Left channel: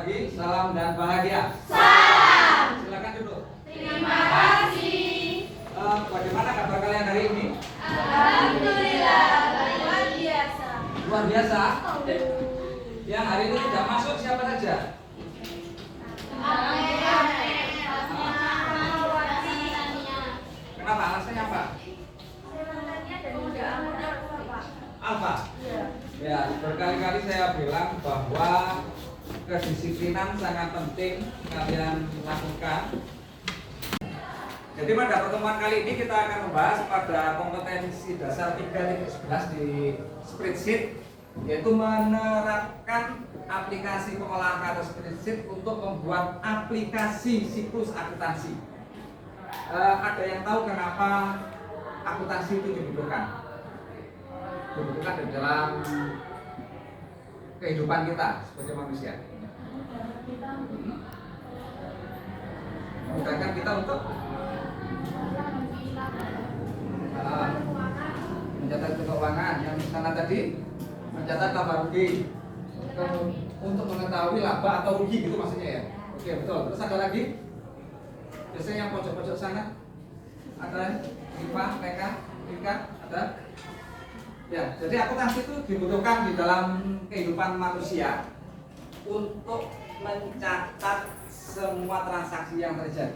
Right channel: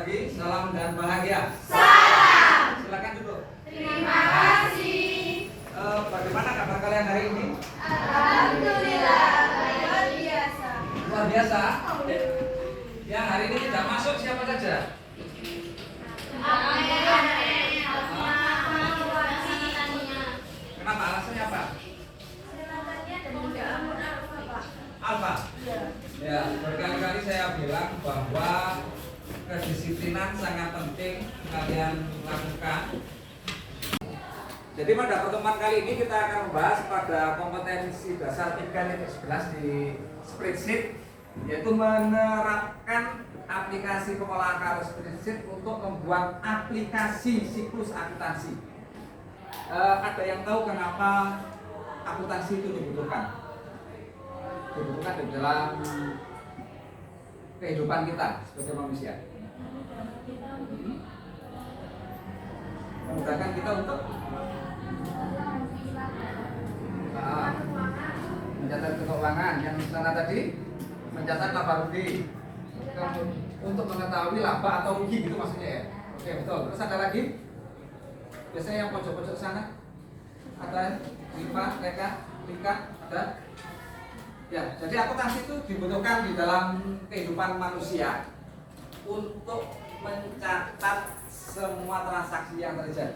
pagi, salam dan bahagia. Salam. Silakan duduk. Terima kasih. Bagaimana kabar kalian hari ini? Alhamdulillah, luar biasa. Luar biasa. Yang hari ini tidak masuk siapa saja? Kenapa? Alasannya apa? Alfa. Ya, berkali-kali saya bilang bahwa kedisiplinan sangat penting kalian lakukan. Jadi pada pertemuan kali ini kita akan membahas pada kompetensi dasar 3.11 di spreadsheet, yaitu menerapkan aplikasi pengolahan kata spreadsheet untuk membuat aplikasi siklus akuntansi. Ada yang tahu kenapa akuntansi itu dibutuhkan? Dibutuhkan di dalam kehidupan kita sebagai manusia. Memudahkan kita untuk mencatat keuangan, yang sana tadi mencatat tabarudi, untuk mengetahui laba atau rugi gitu maksudnya ya. Oke, betul. Terus ada lagi? Biasanya yang pojok-pojok sana ada Lika, ada. Ya, jadi akuntansi itu dibutuhkan di dalam kehidupan manusia untuk mencatat semua transaksi yang terjadi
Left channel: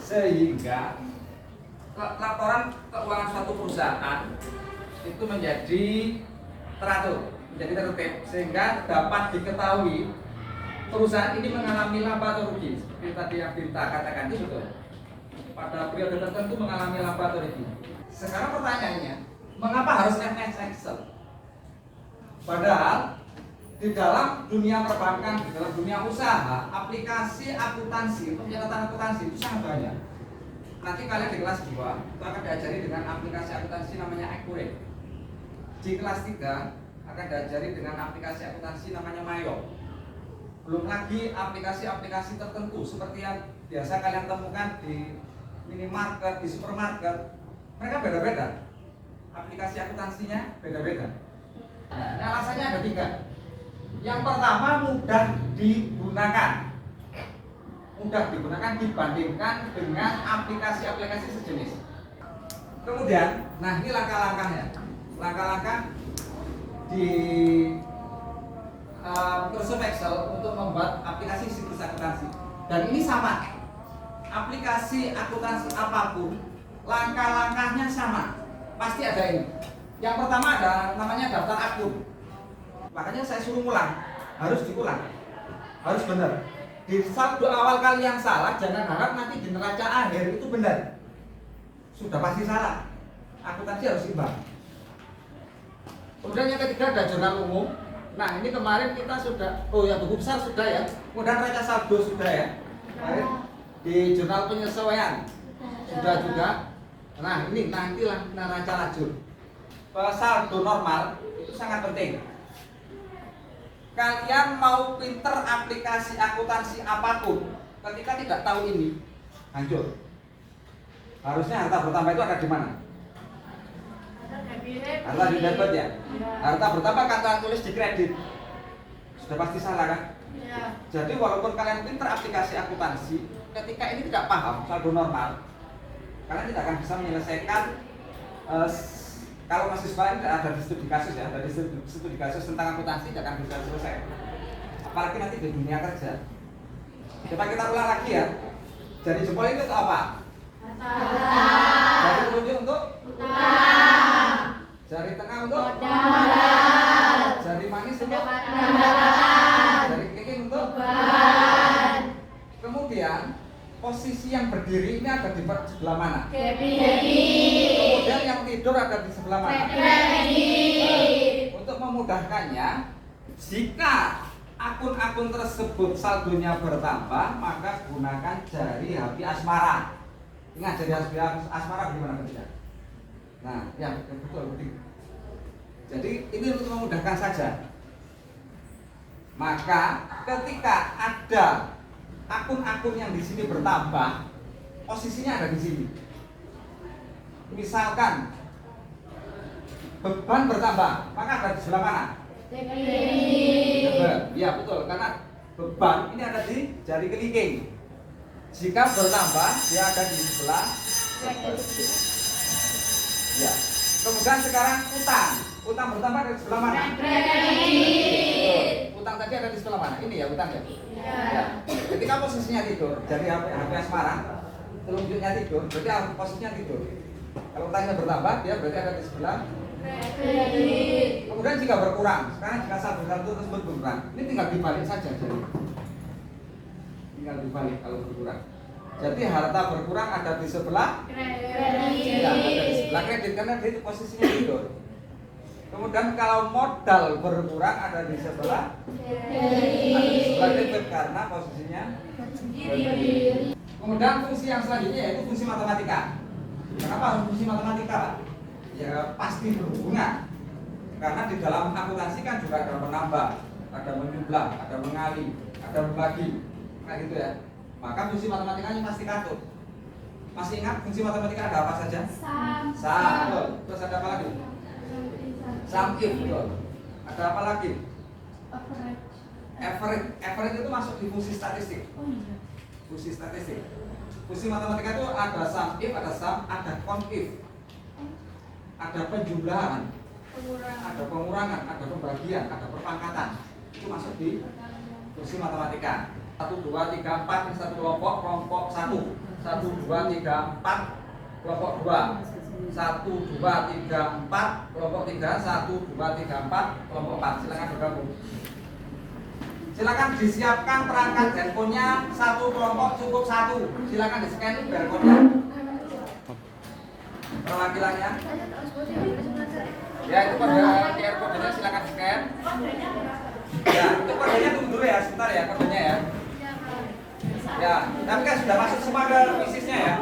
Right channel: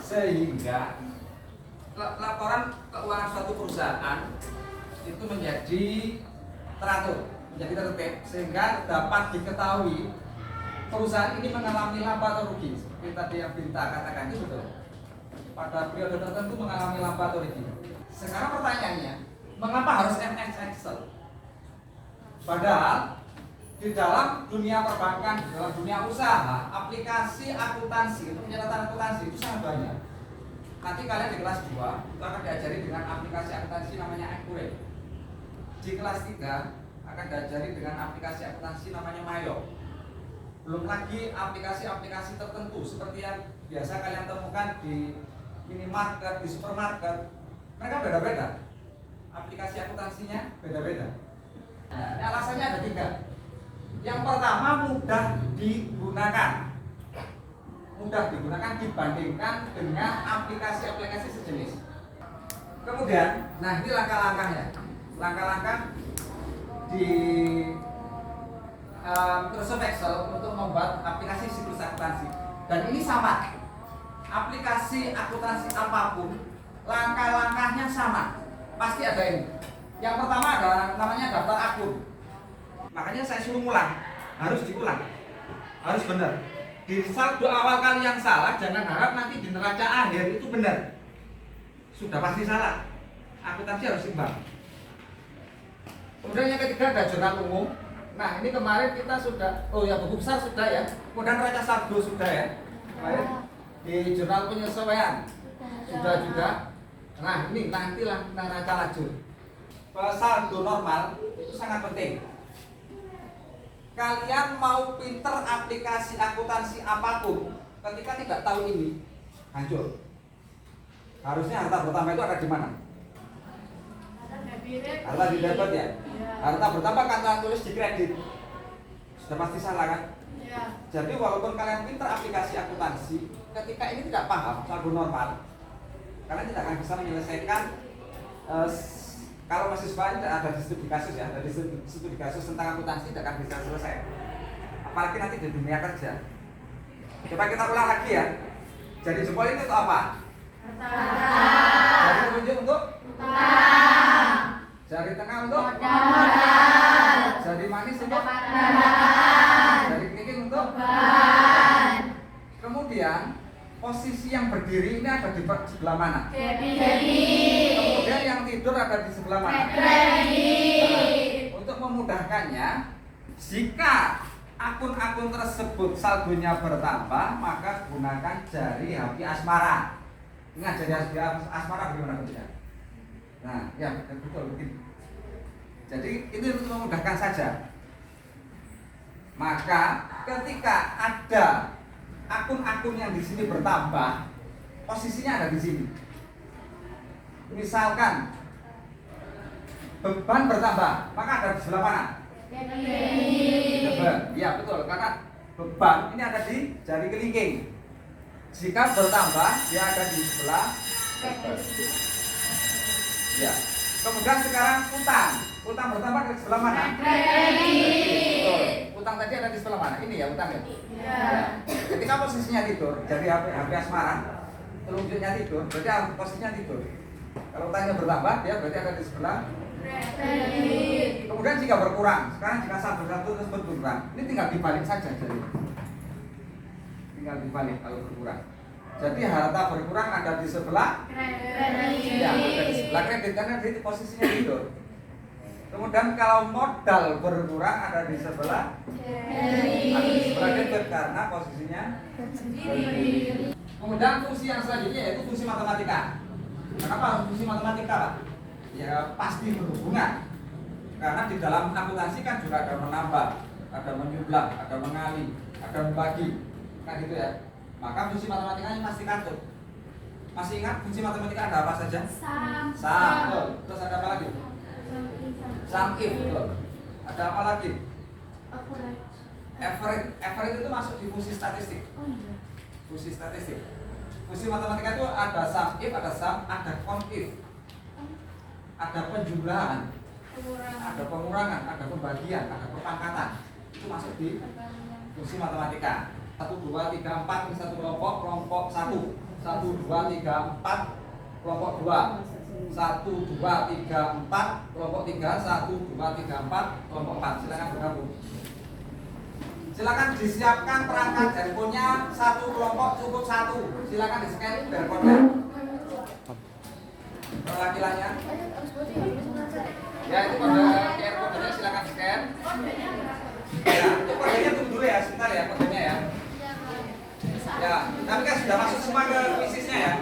sehingga laporan keuangan suatu perusahaan itu menjadi teratur, menjadi tertib, sehingga dapat diketahui perusahaan ini mengalami laba atau rugi. Seperti tadi yang Binta katakan itu betul. Pada periode tertentu mengalami laba atau rugi. Sekarang pertanyaannya, mengapa harus MS Excel? Padahal di dalam dunia perbankan, di dalam dunia usaha, aplikasi akuntansi untuk pencatatan akuntansi itu sangat banyak. Nanti kalian di kelas 2 itu akan diajari dengan aplikasi akuntansi namanya Accurate. Di kelas 3 akan diajari dengan aplikasi akuntansi namanya Mayo. Belum lagi aplikasi-aplikasi tertentu seperti yang biasa kalian temukan di minimarket, di supermarket. Mereka beda-beda. Aplikasi akuntansinya beda-beda. Nah, alasannya ada 3. Yang pertama, mudah digunakan. Mudah digunakan dibandingkan dengan aplikasi-aplikasi sejenis. Kemudian, nah ini langkah-langkahnya. Langkah-langkah di Microsoft Excel untuk membuat aplikasi siklus akuntansi. Dan ini sama. Aplikasi akuntansi apapun, langkah-langkahnya sama. Pasti ada ini. Yang pertama ada namanya daftar akun. Makanya saya suruh ulang, harus diulang, harus benar. Di saldo awal kali yang salah, jangan harap nanti di neraca akhir itu benar. Sudah pasti salah. Akuntansi harus imbang. Kemudian yang ketiga ada jurnal umum. Nah ini kemarin kita sudah, buku besar sudah ya. Kemudian neraca saldo sudah ya. Kemarin di jurnal penyesuaian sudah juga. Nah ini nantilah neraca lajur. Saldo normal itu sangat penting. Kalian mau pinter aplikasi akuntansi apapun, ketika tidak tahu ini, hancur. Harusnya harta bertambah itu ada di mana? Harta di debit ya. Harta bertambah kata tulis di kredit. Sudah pasti salah kan? Ya. Jadi walaupun kalian pinter aplikasi akuntansi, ketika ini tidak paham saldo normal, kalian tidak akan bisa menyelesaikan. Kalau mahasiswa ini ada di studi kasus ya, dari studi kasus tentang akuntansi tidak akan bisa selesai. Apalagi nanti di dunia kerja. Coba kita ulang lagi ya. Jari jempol ini untuk apa? Jari telunjuk untuk? Jari tengah untuk? Jari manis untuk? Jari kelingking untuk? Kemudian posisi yang berdiri ini ada di sebelah mana? Kemudian yang tidur ada di sebelah mana? Untuk memudahkannya, jika akun-akun tersebut saldonya bertambah, maka gunakan jari HP asmara. Ingat jari HP asmara bagaimana tidak? Nah, ya betul begitu. Jadi ini untuk memudahkan saja. Maka ketika ada akun-akun yang di sini bertambah, posisinya ada di sini. Misalkan beban bertambah, maka ada di sebelah mana? Beban. Iya betul, karena beban ini ada di jari kelingking. Jika bertambah, dia ada di sebelah. Ya. Kemudian sekarang utang. Utang bertambah dari sebelah mana? Betul. Utang tadi ada di sebelah mana? Ini ya utang ya. Ya. Ketika posisinya tidur, jadi HP asmara, telunjuknya tidur, berarti posisinya tidur. Kalau utangnya bertambah, dia berarti ada di sebelah. Kemudian jika berkurang, sekarang jika satu tersebut berkurang, ini tinggal dibalik saja jadi. Tinggal dibalik kalau berkurang. Jadi harta berkurang ada di sebelah kredit. Ya, ada di sebelah kredit karena di posisinya tidur. Kemudian kalau modal berkurang ada di sebelah debit karena posisinya berdiri. Kemudian fungsi yang selanjutnya yaitu fungsi matematika. Kenapa fungsi matematika, Pak? Ya pasti berhubungan. Karena di dalam akuntansi kan juga ada menambah, ada menjumlah, ada mengali, ada membagi, kan gitu ya. Maka fungsi matematikanya pasti katut. Masih ingat fungsi matematika ada apa saja? Betul. Terus ada apa lagi? Sum if, betul. Ada apa lagi? Average. Average itu masuk di fungsi statistik. Fungsi statistik. Fungsi matematika itu ada sum if, ada sum, ada count if. Ada penjumlahan, ada pengurangan, ada pembagian, ada perpangkatan. Itu masuk di fungsi matematika. 1, 2, 3, 4 ini satu kelompok 1. 1, 2, 3, 4 kelompok 2. 1, 2, 3, 4 kelompok 3. 1, 2, 3, 4 kelompok 4. Silakan bergabung. Silakan disiapkan perangkat handphonenya satu kelompok cukup 1. Silakan di-scan barcode-nya. Perwakilannya. Ya itu kode QR kodenya silakan scan. Ya itu kodenya tunggu dulu ya sebentar ya kodenya ya. Ya, tapi kan sudah masuk semua ke bisnisnya ya.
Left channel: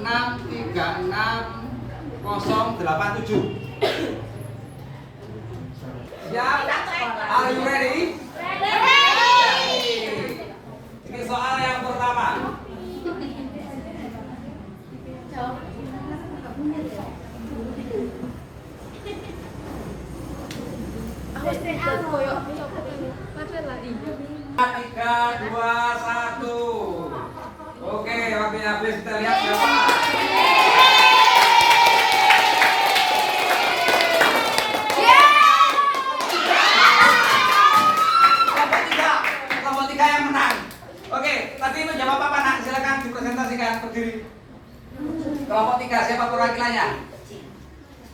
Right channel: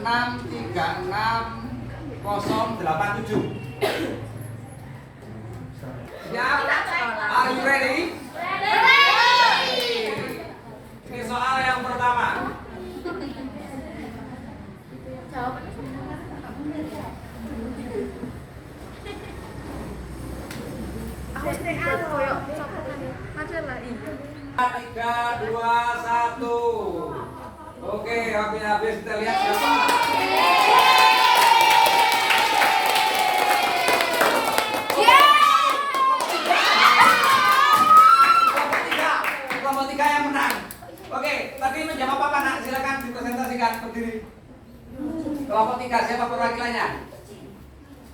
636 087. Siap? Are you ready? Ini soal yang pertama. Aku sedikit koyok material lah iya. 3, 2, 1. Oke, waktunya habis. Kita lihat siapa. Kelompok 3 yang menang. Oke, tadi lu jawab apa nak? Silakan dipresentasikan berdiri. Kelompok 3 siapa perwakilannya?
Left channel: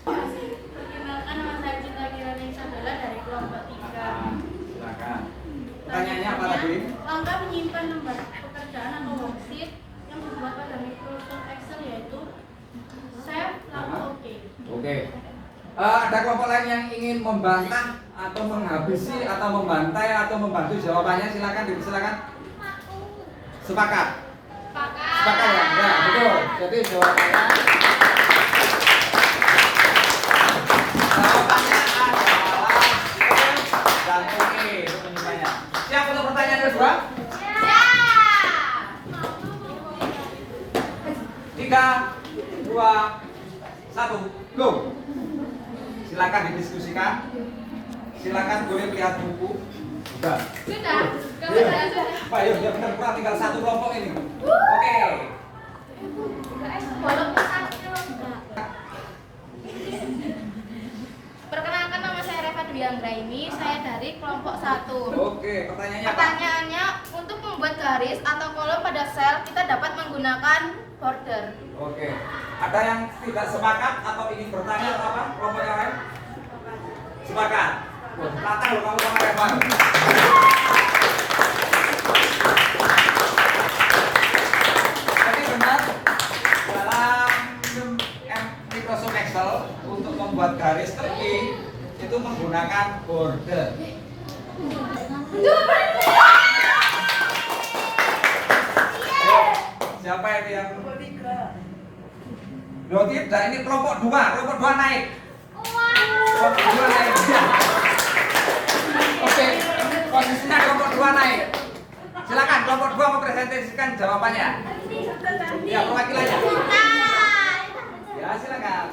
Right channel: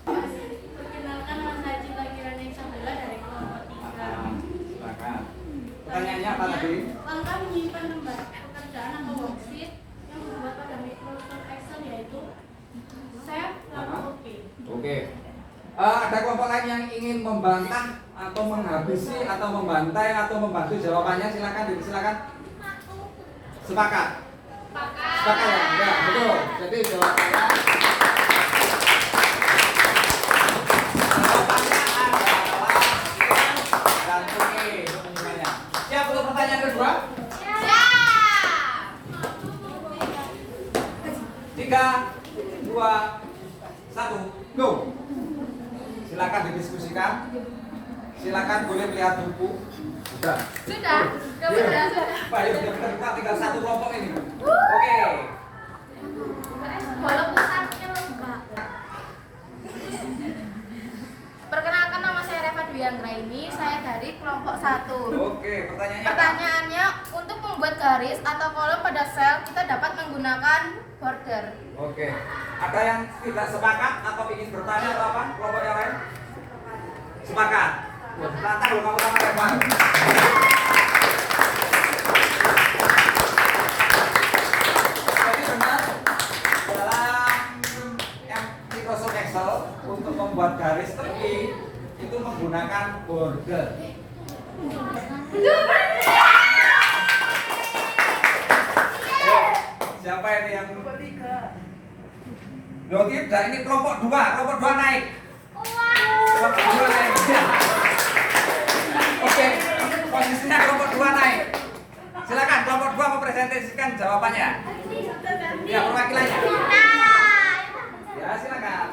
Perkenalkan nama saya Cinta Kirani Isabella dari kelompok 3. Silakan. Pertanyaannya apa tadi? Langkah menyimpan lembar pekerjaan atau worksheet yang dibuat pada Microsoft Excel yaitu save lalu oke. Oke. Ada kelompok lain yang ingin membantah atau menghabisi atau membantai atau membantu jawabannya silakan silakan. Sepakat. Sepakat ya? Ya, betul. Jadi jawabannya adalah bantu penyimpannya. Siap untuk pertanyaan kedua? 3, 2, 1, go. Silakan didiskusikan. Silakan boleh melihat buku. Sudah. Pak, yuk kita tinggal satu kelompok ini. Oke. Perkenalkan nama saya Reva Dwiandra ini, saya dari kelompok 1. Oke, pertanyaannya apa? Pertanyaannya, untuk membuat garis atau kolom pada sel, kita dapat menggunakan border. Oke. Ada yang tidak sepakat atau ingin bertanya atau apa? Kelompok yang lain? Sepakat. Silakan kamu sama Reva. Jadi benar dalam Microsoft Excel untuk membuat garis tepi itu menggunakan border. Siapa ini yang Loh tidak, ini kelompok 2 naik. Kelompok 2 naik. Oke, posisinya kelompok 2 naik. Silakan kelompok 2 mempresentasikan jawabannya. Ya, perwakilannya. Ya, silakan.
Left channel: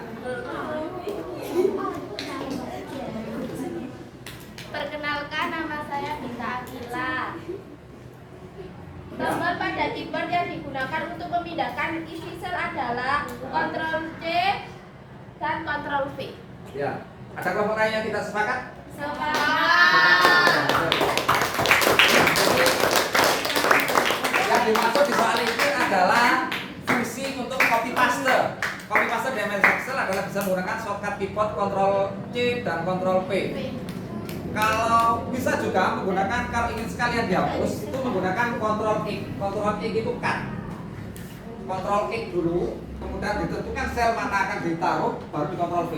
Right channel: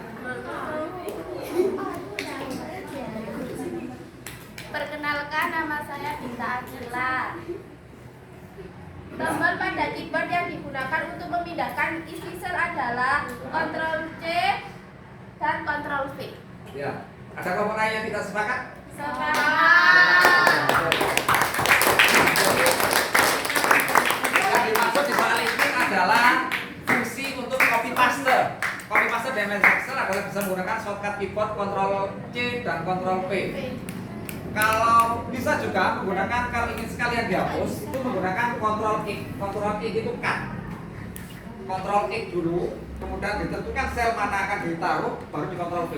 Perkenalkan, nama saya Dita Akila. Tombol pada keyboard yang digunakan untuk memindahkan isi sel adalah Ctrl C dan Ctrl V. Ya. Ada kelompok lain yang tidak sepakat? Yang dimaksud di soal ini adalah fungsi untuk copy paste. Copy paste di MS Excel adalah bisa menggunakan shortcut keyboard Ctrl C dan Ctrl V. Kalau bisa juga menggunakan, kalau ingin sekalian dihapus, itu menggunakan Ctrl X. Ctrl X itu cut. Ctrl X dulu, kemudian ditentukan sel mana akan ditaruh, baru di Ctrl V.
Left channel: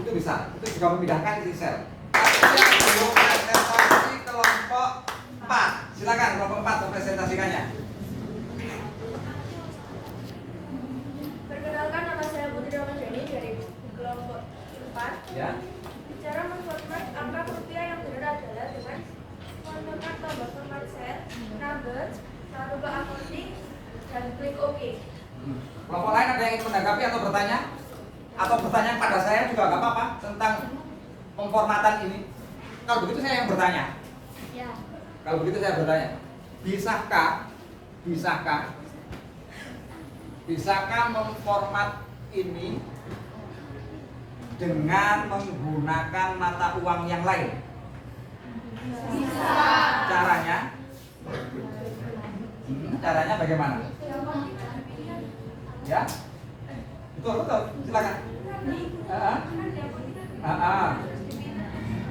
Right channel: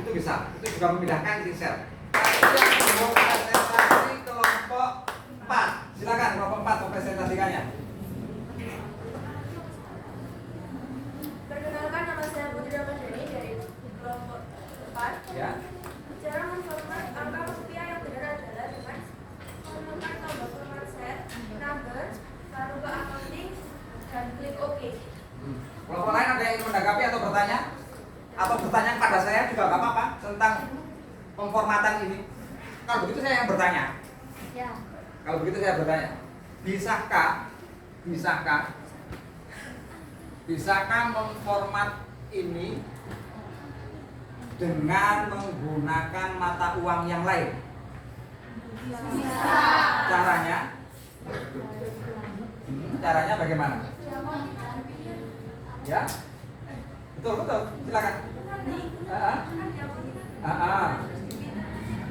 Itu bisa. Itu juga memindahkan isi sel. Yang belum presentasi kelompok 4. Silakan kelompok 4 mempresentasikannya. Perkenalkan, nama saya Putri Ramadhani dari kelompok 4. Ya. Cara memformat angka rupiah yang benar adalah dengan menekan tombol format set, number, lalu ke accounting, dan klik OK. Kelompok lain ada yang ingin menanggapi atau bertanya? Atau bertanya pada saya juga nggak apa-apa tentang pemformatan ini. Kalau begitu saya yang bertanya. Ya. Kalau begitu saya bertanya, bisakah memformat ini dengan menggunakan mata uang yang lain? Bisa. Caranya? Caranya bagaimana? Ya? Betul, silakan.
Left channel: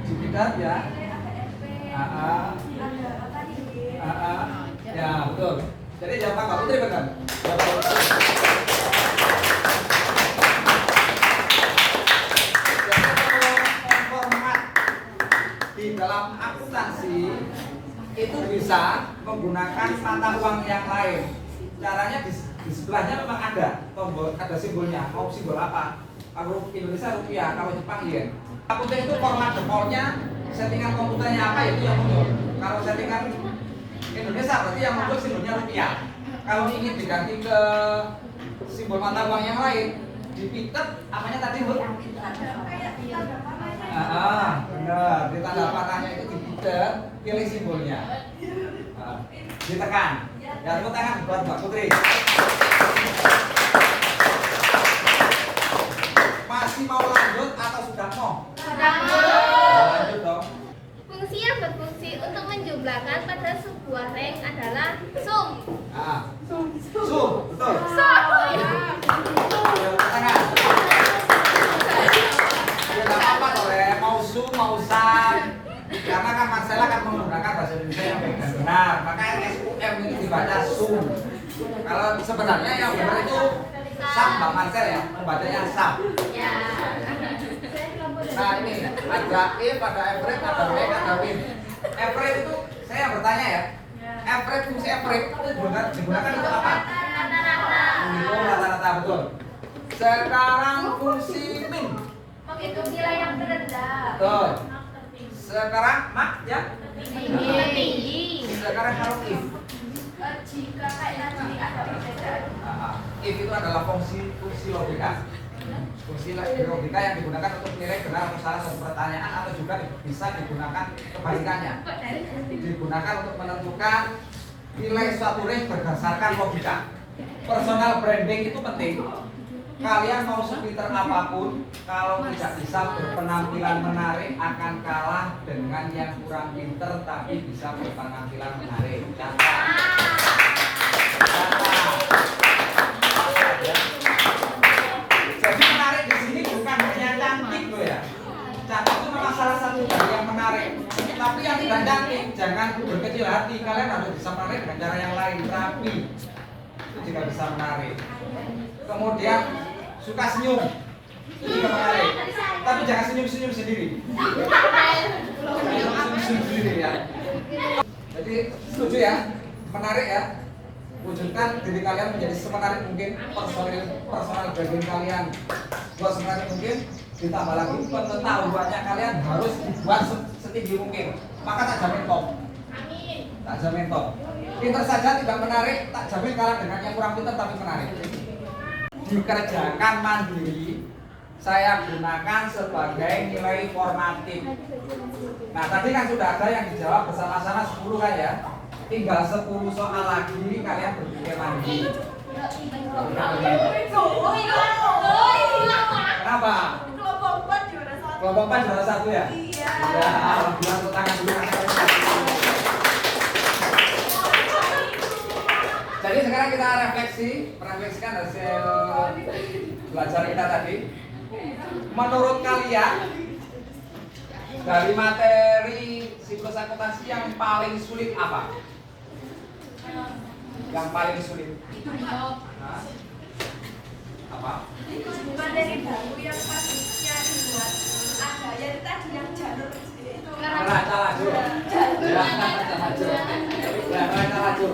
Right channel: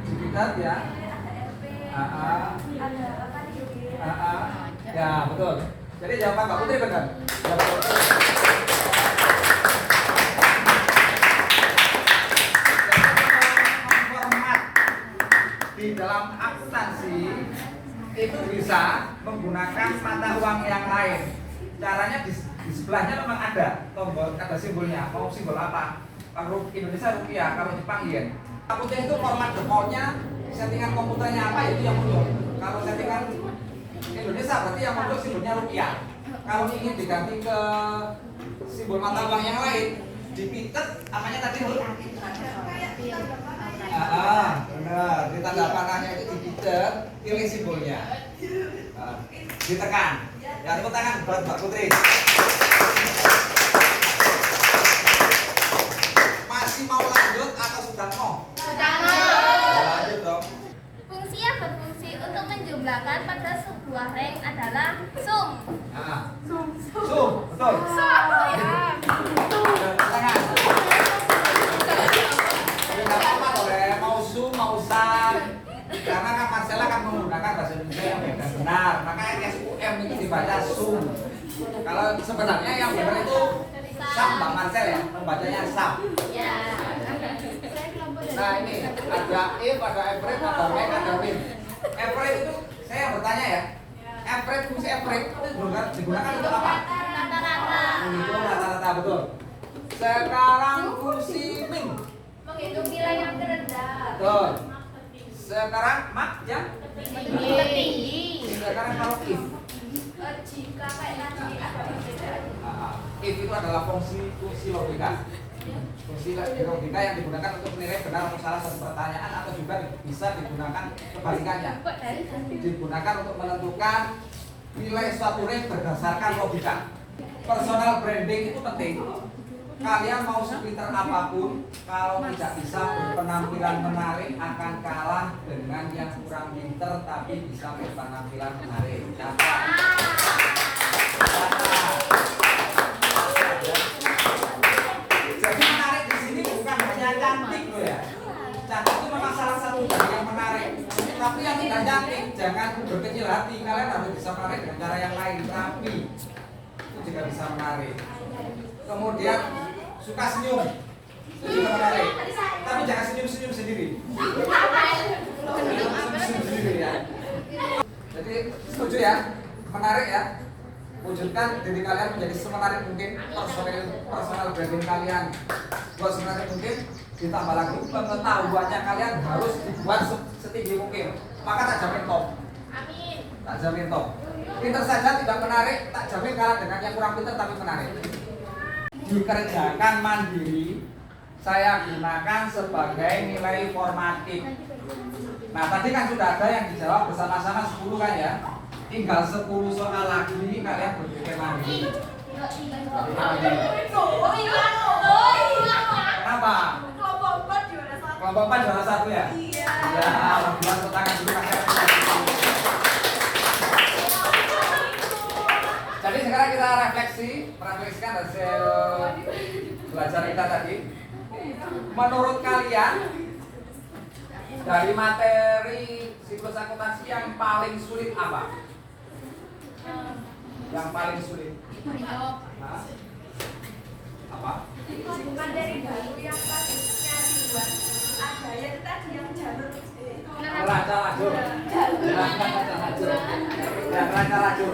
Digital ya. Ya, betul. Jadi jawaban Mbak Putri benar. Jawaban Mbak Putri. Format di dalam akuntansi itu bisa menggunakan mata uang yang lain. Caranya di sebelahnya memang ada tombol, ada simbolnya. Mau simbol apa? Kalau Indonesia rupiah, kalau Jepang yen. Akuntansi itu format defaultnya, settingan komputernya apa itu yang muncul. Kalau settingan Indonesia berarti yang muncul simbolnya rupiah. Kalau ingin diganti ke simbol mata uang yang lain, dipitet apanya tadi Bu? Benar. Di tanda panahnya itu dipitet, pilih simbolnya. Ditekan. Ya, tepuk tangan buat Mbak Putri. Masih mau lanjut atau sudah mau? Sudah mau. Lanjut dong. Fungsi yang berfungsi untuk menjumlahkan pada sebuah rank adalah sum. Sum, betul. Tangan. Tidak apa-apa loh, mau sum, mau sum. Karena kan Marcella kan menggunakan bahasa Indonesia yang benar. Makanya SUM itu dibaca sum. Kalau sebenarnya yang benar itu sam, Mbak Marcel ya, membacanya sam. Ya. Nah ini ada if, ada average, ada make, ada win. Average itu saya bertanya ya. Average, fungsi average itu digunakan untuk apa? Rata-rata. Menghitung rata-rata, betul. Sekarang fungsi min. Menghitung nilai yang terendah. Betul. Sekarang mak ya. Tinggi. Sekarang kalau if. Jika kayak tadi ada perbedaan. If itu adalah fungsi logika. Fungsi logika yang digunakan untuk menilai benar atau salah satu pertanyaan atau juga bisa digunakan kebalikannya. Digunakan untuk menentukan nilai suatu rank berdasarkan logika. Personal branding itu penting. Kalian mau sepinter apapun, kalau tidak bisa berpenampilan menarik akan kalah dengan yang kurang pinter tapi bisa berpenampilan menarik. Jadi menarik di sini bukan hanya cantik loh ya. Cantik itu memang salah satu dari yang menarik. Tapi yang tidak cantik jangan berkecil hati. Kalian harus bisa menarik dengan cara yang lain. Tapi itu juga bisa menarik. Kemudian suka senyum itu juga menarik. Tapi jangan senyum-senyum sendiri. Senyum sendiri ya. Jadi setuju ya, menarik ya. Wujudkan diri kalian menjadi semenarik mungkin, personal branding kalian buat semenarik mungkin. Ditambah lagi pengetahuannya kalian harus dibuat setinggi mungkin. Maka tak jamin top. Amin. Tak jamin top. Pinter saja tidak menarik, tak jamin kalah dengan yang kurang pinter tapi menarik. Dikerjakan mandiri, saya gunakan sebagai nilai formatif. Nah, tadi kan sudah ada yang dijawab bersama-sama 10 kan ya. Tinggal 10 soal lagi kalian berpikir lagi. Kenapa? Kelompok 4 juara 1 ya? Iya. Ya, alhamdulillah tepuk tangan dulu Mas Erwin. Jadi sekarang kita merefleksikan hasil belajar kita tadi. Menurut kalian dari materi siklus akuntansi yang paling sulit apa? Yang paling sulit? Hah? Apa? Materi baru yang harusnya dibuat ada yang tadi yang jalur itu. Neraca lajur. Ya, neraca lajur. Ya, neraca lajur.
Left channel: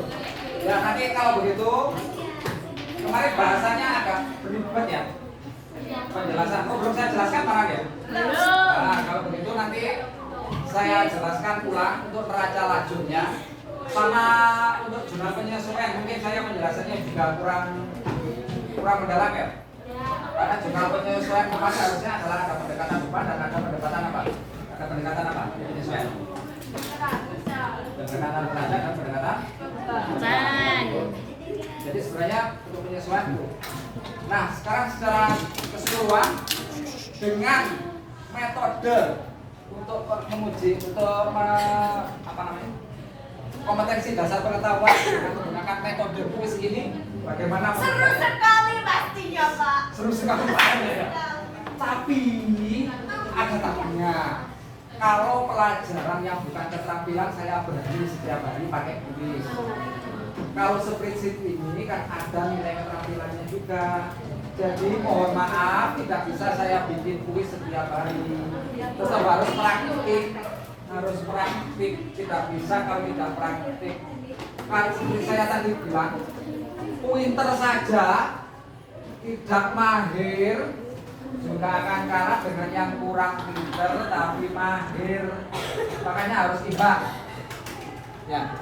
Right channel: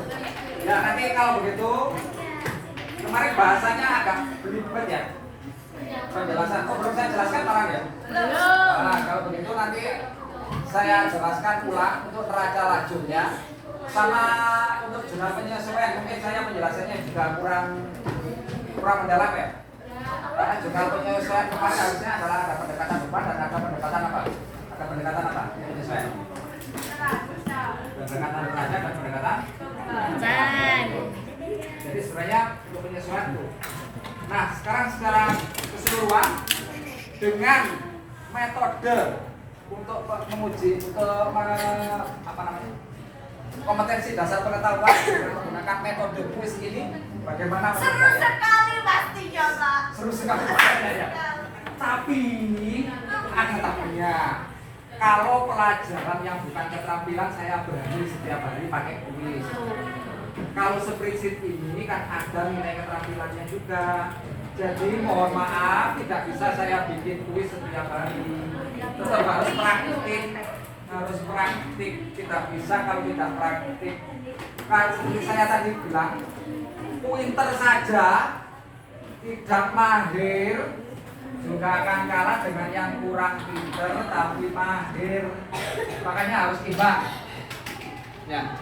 Ya, nanti kalau begitu kemarin bahasanya agak berlibat ya. Penjelasan. Oh, belum saya jelaskan Marang ya? Nah, kalau begitu nanti saya jelaskan ulang untuk neraca lajurnya sama untuk jurnal penyesuaian. Mungkin saya penjelasannya juga kurang mendalam ya. Karena jurnal penyesuaian kemarin harusnya adalah ada pendekatan beban dan ada pendekatan apa? Ada pendekatan apa? Penyesuaian. Pendekatan derajat dan pendekatan. Jadi sebenarnya untuk penyesuaian itu. Nah, sekarang secara keseluruhan dengan metode untuk menguji kompetensi dasar pengetahuan dengan menggunakan metode kuis ini bagaimana menurut Seru kalian? sekali pastinya, Pak. Seru sekali ya. Tapi ada tapinya. Kalau pelajaran yang bukan keterampilan saya berani setiap hari pakai kuis. Kalau spreadsheet ini kan ada nilai keterampilannya juga. Jadi mohon maaf tidak bisa saya bikin kuis setiap hari. Tetap harus praktik. Tidak bisa kalau tidak praktik. Nah, seperti saya tadi bilang, pinter saja tidak mahir juga akan kalah dengan yang kurang pinter tapi mahir. Makanya harus imbang. Ya.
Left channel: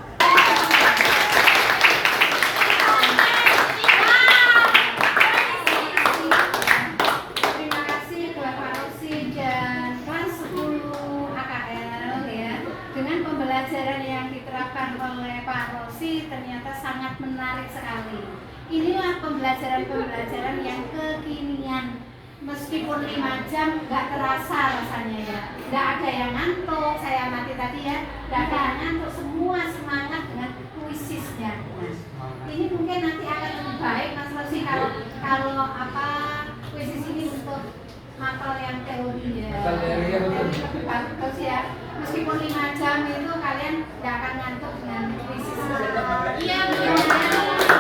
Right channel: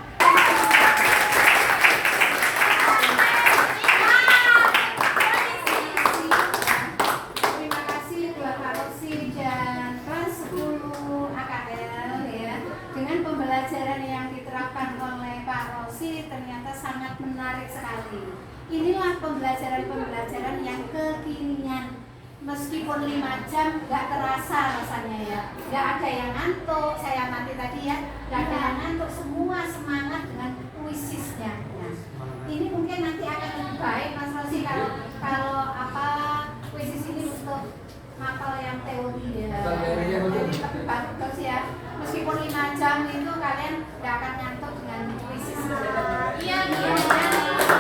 Terima kasih buat Pak Rosi dan kelas 10 AKL ya. Dengan pembelajaran yang diterapkan oleh Pak Rosi ternyata sangat menarik sekali. Inilah pembelajaran yang kekinian. Meskipun 5 jam nggak terasa rasanya ya. Nggak ada yang ngantuk, saya amati tadi ya. Nggak ada yang ngantuk, semua semangat dengan kuisisnya. Ini mungkin nanti akan lebih baik Mas Rosi kalau kuisis ini untuk mata yang teori ya. Lebih bagus ya. Meskipun 5 jam itu kalian nggak akan ngantuk dengan kuisis. Iya benar.